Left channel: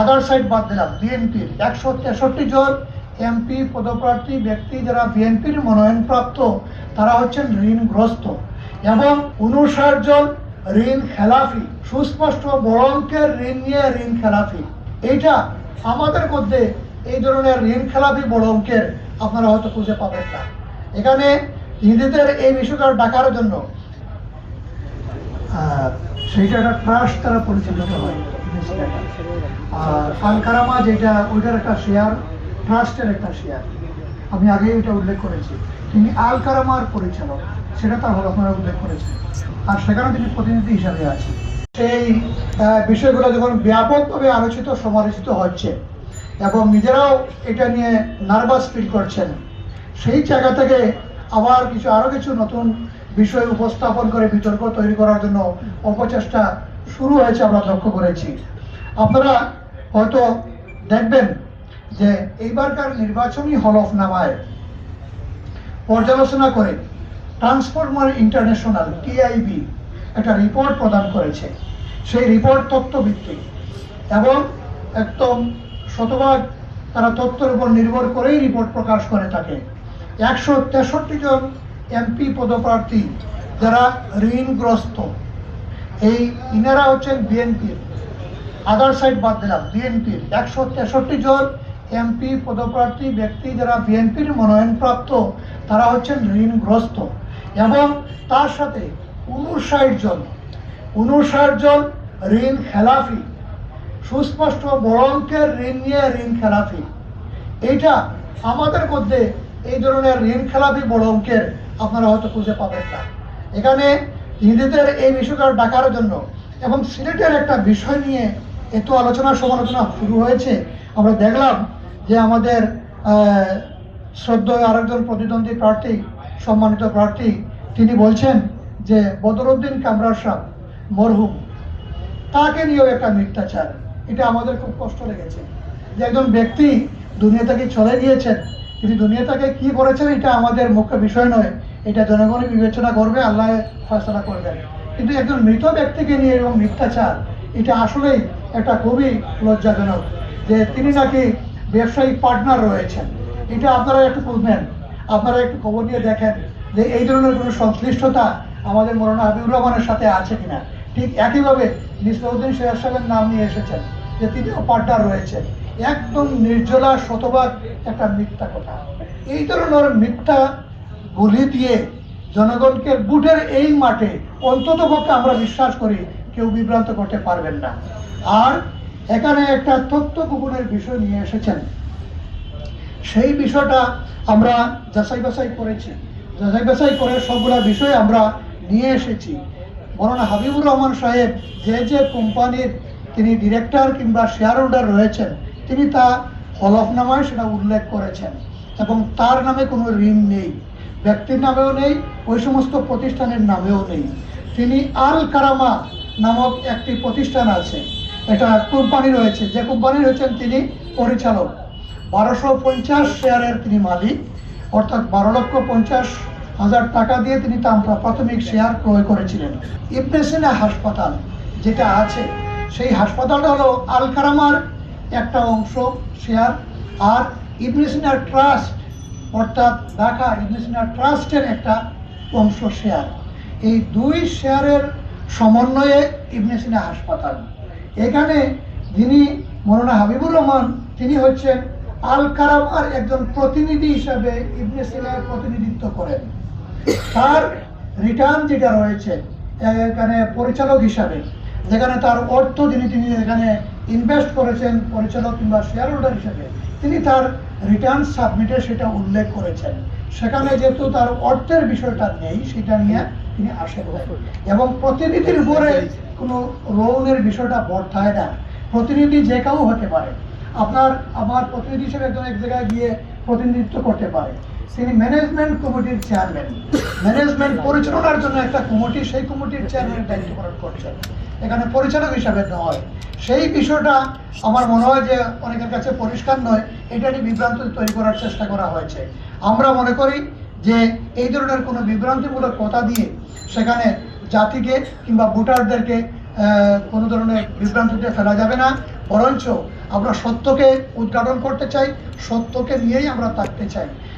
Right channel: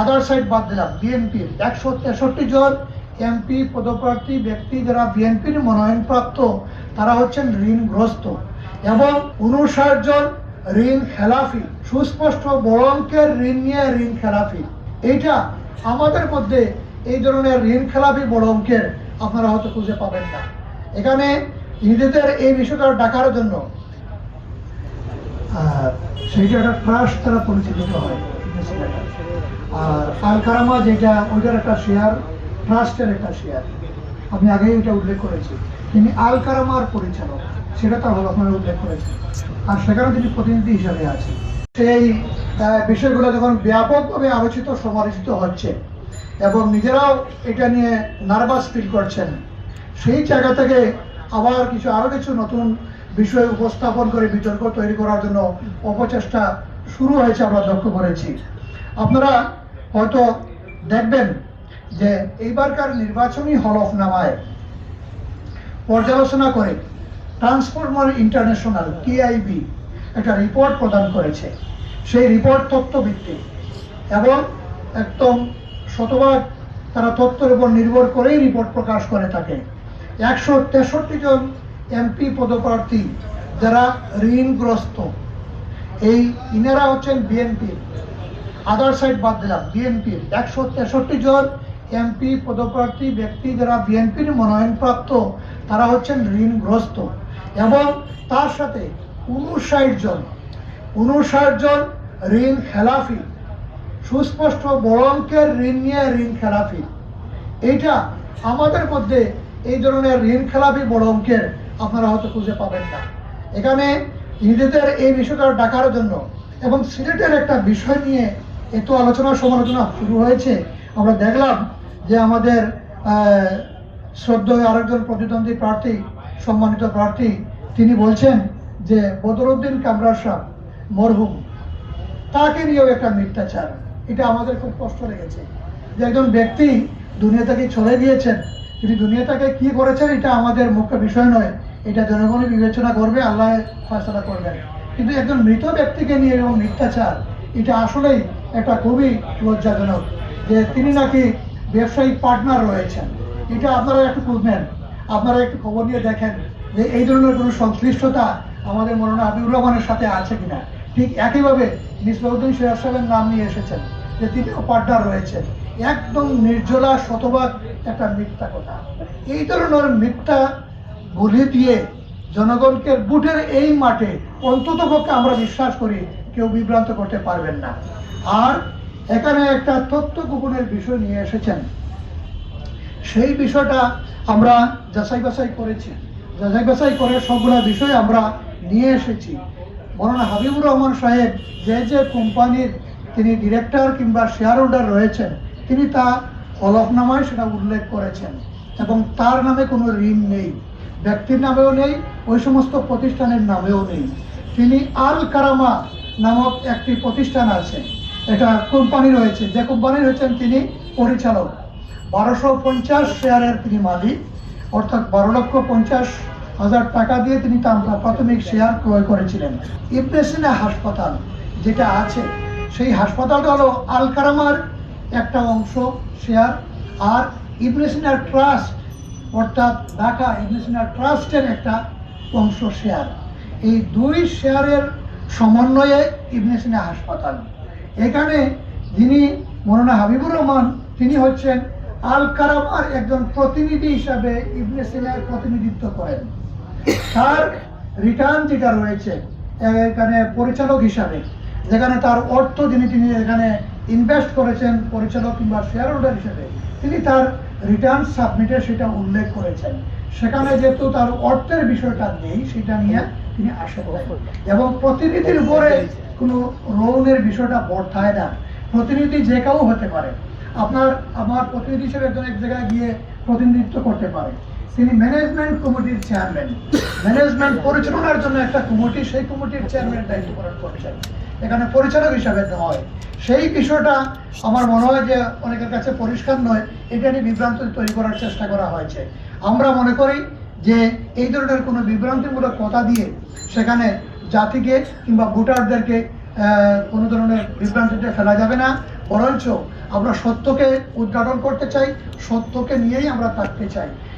Other side বাদ দিলাম, বিএনপির। একশো তেষট্টি জন এমপি, পদপ্রার্থী, ব্যক্তি যারা বিএনপির মনোনয়নপ্রাপ্ত, তারা হচ্ছেন ঋণগ্রস্ত। এবং উনষাট জন ঋণ খেলাফি, সুস্পষ্ট বড় অঙ্কের ঋণ নিয়ে ঋণ খেলাফি। এইটা আমাদের মধ্যে এই ধরনের ঋণ খেলাফি বড় অঙ্কের আপনারা হয়তো খুঁজে পাবেন না। এখানে নিজেদের এই বিষয়টা ডাকার জন্য সেইটা একটা ট্রাস্ট তারা পরিচালিত হয়। আর যেটা, ওইটার একটা শেয়ার ট্রাস্টের একটা শেয়ার আমি আগেই এটা উল্লেখ করেছি তিনি আলকারামার পরিচালক, সেটা আপনারা উল্লেখ করেছেন। আর সেখানে তিনি প্রতিনিধি হিসাবে সেই বিষয়গুলো যখন ব্যাপকভাবে আলোচিত, সমালোচিত হচ্ছে, এবং নিজেরাও এটা নিয়ে নার্ভাস ফিল করছেন, সেই জায়গা থেকে আবার কিছু আরও কিছু নতুন বিষয় উপস্থাপন করে বিতর্ক তৈরি করার জন্য অপচেষ্টা শুরু হয়েছে আমরা লক্ষ্য করেছি। আপনারা হয়তো দেখবেন যে এইবারকার নির্বাচনী হলফনামায় পর্যালোচনা করে ট্রান্সফরমার ইন্টারন্যাশনাল, টিআইবি, একটা রিপোর্ট প্রদান করেছে। সেই রিপোর্ট তথ্যভিত্তিক এবং একদম শতভাগ তারা তথ্যের উপর নির্ভর করেই রিপোর্ট প্রকাশ করে থাকে। একশো তেষট্টি জন এমপি পদপ্রার্থী যারা ঋণগ্রস্ত। এই ইনারা হচ্ছেন বিএনপির। আদার সাইড বাদ দিলাম, বিএনপির। একশো তেষট্টি জন এমপি পদপ্রার্থী ব্যক্তি যারা বিএনপির মনোনয়নপ্রাপ্ত, তারা হচ্ছেন ঋণগ্রস্ত। এবং তার সাথে উনষাট জন উনষাট জন ঋণ খেলাফি। সুস্পষ্ট বড় অঙ্কের ঋণ নিয়ে ঋণ খেলাফি। এইটা আমাদের মধ্যে এই ধরনের ঋণ খেলাপি বড় অঙ্কের আপনারা হয়তো খুঁজে পাবেন না। এখানে নিজেদের এই বিষয়টা ডাকার জন্য এবং সিলেটের একটা বিষয় নিয়ে এত আলোচনা সমালোচনা শুরু হয়েছে আমরা দেখলাম যে আমাদের আহ, শ্রদ্ধেয় আরেকজন প্রতিদ্বন্দ্বী প্রার্থী সম্মানিত প্রার্থী তিনি বলছেন যে বদরুদ্দিন কামরার সাহ মরহুম। তাকে নিয়েও একটা মিথ্যাচার। এটা আমাদের খুব কষ্ট লেগেছে। যে একজন ব্যক্তি দুনিয়া থেকে চলে গিয়েছেন তিনি দুনিয়া থেকে কি করেছেন এটা আমাদের মুখ্য বিষয় নয়। এটা জনগণই বিবেচনা করবে, আল্লাহ ফয়সলা করবেন। কিন্তু একজন মৃত ব্যক্তিকে নিয়ে এবং মিথ্যাচার, এটা আসলেই একটা খুবই লজ্জাজনক যে তিনি নাকি ব্যবসায়িক পার্টনার রয়েছেন। এটা আপনারা একটু বুঝবেন। আপনারা একটু খবর নিয়ে দেখেন যে এই ধরনের কোনো সংশ্লিষ্টতা আমাদের মরনা হাবিবুর রহমানের সাথে আছে কিনা। ঠিক একইভাবে নিসবউদ্দিন সিরাজ সাহেবের নাম নিয়ে এসেছেন যে তিনিও পার্টনার রয়েছেন। একদম নির্জলা, শতভাগ একটা মিথ্যা কথা। এই ধরনের মিথ্যা বলি দিয়ে জনগণকে বুটের এই মাঠে অন্তত পক্ষে আমরা বিশ্বাস করি কেউ বিভ্রান্ত করতে পারবেন না। আর এখানে একটা তথ্য গোপনের বিষয় নিয়ে এসেছেন। সেই বিষয়টা আমরা যাচাই বাছাই করেছি। যাচাই বাছাই করে সবগুলো বিষয় আমরা নিয়ে এসেছি। মৌলানা হাবিবুর রহমান সাহেব যে যে কোম্পানির তিনি ডিরেক্টর কিংবা শেয়ার হোল্ডার রয়েছেন, তিনি তা হলফনামায় সেটা উল্লেখ করেছেন এবং তার নামে কোনো ঋণ নেই। ব্যক্তির নামেও নেই, ওই সমস্ত প্রতিষ্ঠানের নামেও নেই। তিনি আল কারামা নামক একটি প্রতিষ্ঠান আছে। এটা কোম্পানি রয়েছে। যে কোম্পানির হচ্ছেন তিনি পরিচালক। বারোশো পঞ্চাশ শেয়ারের তিনি মালিক। অর্থাৎ বারো লক্ষ পঞ্চাশ হাজার টাকা দিয়ে তিনি প্রাথমিক শেয়ার ক্রয় করেছিলেন। ইবনে সিনা হাসপাতাল যেটা আছে, সেই হাসপাতালটা হলো আল কারামার একটা অংশ শেয়ার। আর ইবনে সিনা ট্রাস্ট অর্থাৎ ঢাকা সিনা ট্রাস্টের একটা অংশ শেয়ার এই দুই শেয়ারের সমন্বয়ে ইবনে সিনা হাসপাতাল। এখানে যিনি মৌলানা হাবিবুর রহমান, তিনি হচ্ছেন আল কারামার একজন প্রতিনিধি হিসাবে ইবনে প্রতিনিধিত্ব করেন। তার রিটার্ন যেটা রয়েছে, এখানে পরিচালক হিসাবে, যেখানে তার অর্থ যিনি, তিনি এখানে ইনভেস্ট করেছেন পরিচালক কিংবা শেয়ার হোল্ডার হিসেবে, তিনি তার রিটার্ন সাবমিটে সেটা উল্লেখ করেছেন। সেখানে যেহেতু তার অর্থের বিষয়টা নেই, সেটা নিয়ে তিনি আসেন এবং প্রতিনিধির উপরে কোনো লোনের বিষয়টা বর্তায় না। প্রতিনিধি যে কেউ হতে পারে। আপনার, আমার প্রতিনিধি হিসেবে একজন এক জায়গায় গিয়ে প্রতিনিধিত্ব করতে পারে। তিনি ম্যানেজমেন্ট কমিটির চেয়ারম্যান ম্যানেজমেন্ট পরিচালনার জন্য একটা কমিটি সেই কমিটির চেয়ারম্যান দায়িত্ব পালন করছেন। এখানে পরিচালক হিসাবে নয় সেই বিষয়টা আমার মনে হয় যে অনেকের কাছে পরিষ্কার নয়, এটা নিয়ে বিভ্রান্ত তৈরি করার চেষ্টা করা হয়েছে। আমরা মনে করি যে এই ধরনের কোনো বিভ্রান্তিমূলক কথা দিয়ে সেখানে জাতিকে কিংবা ভোটারদেরকে কোনো ধরনের বিভ্রান্তিতে ফেলা যাবে না। বরঞ্চ আমরা সত্যকে উদ্ঘাটন করতে চাই, সত্যকে নিয়েই আমরা থাকতে চাই।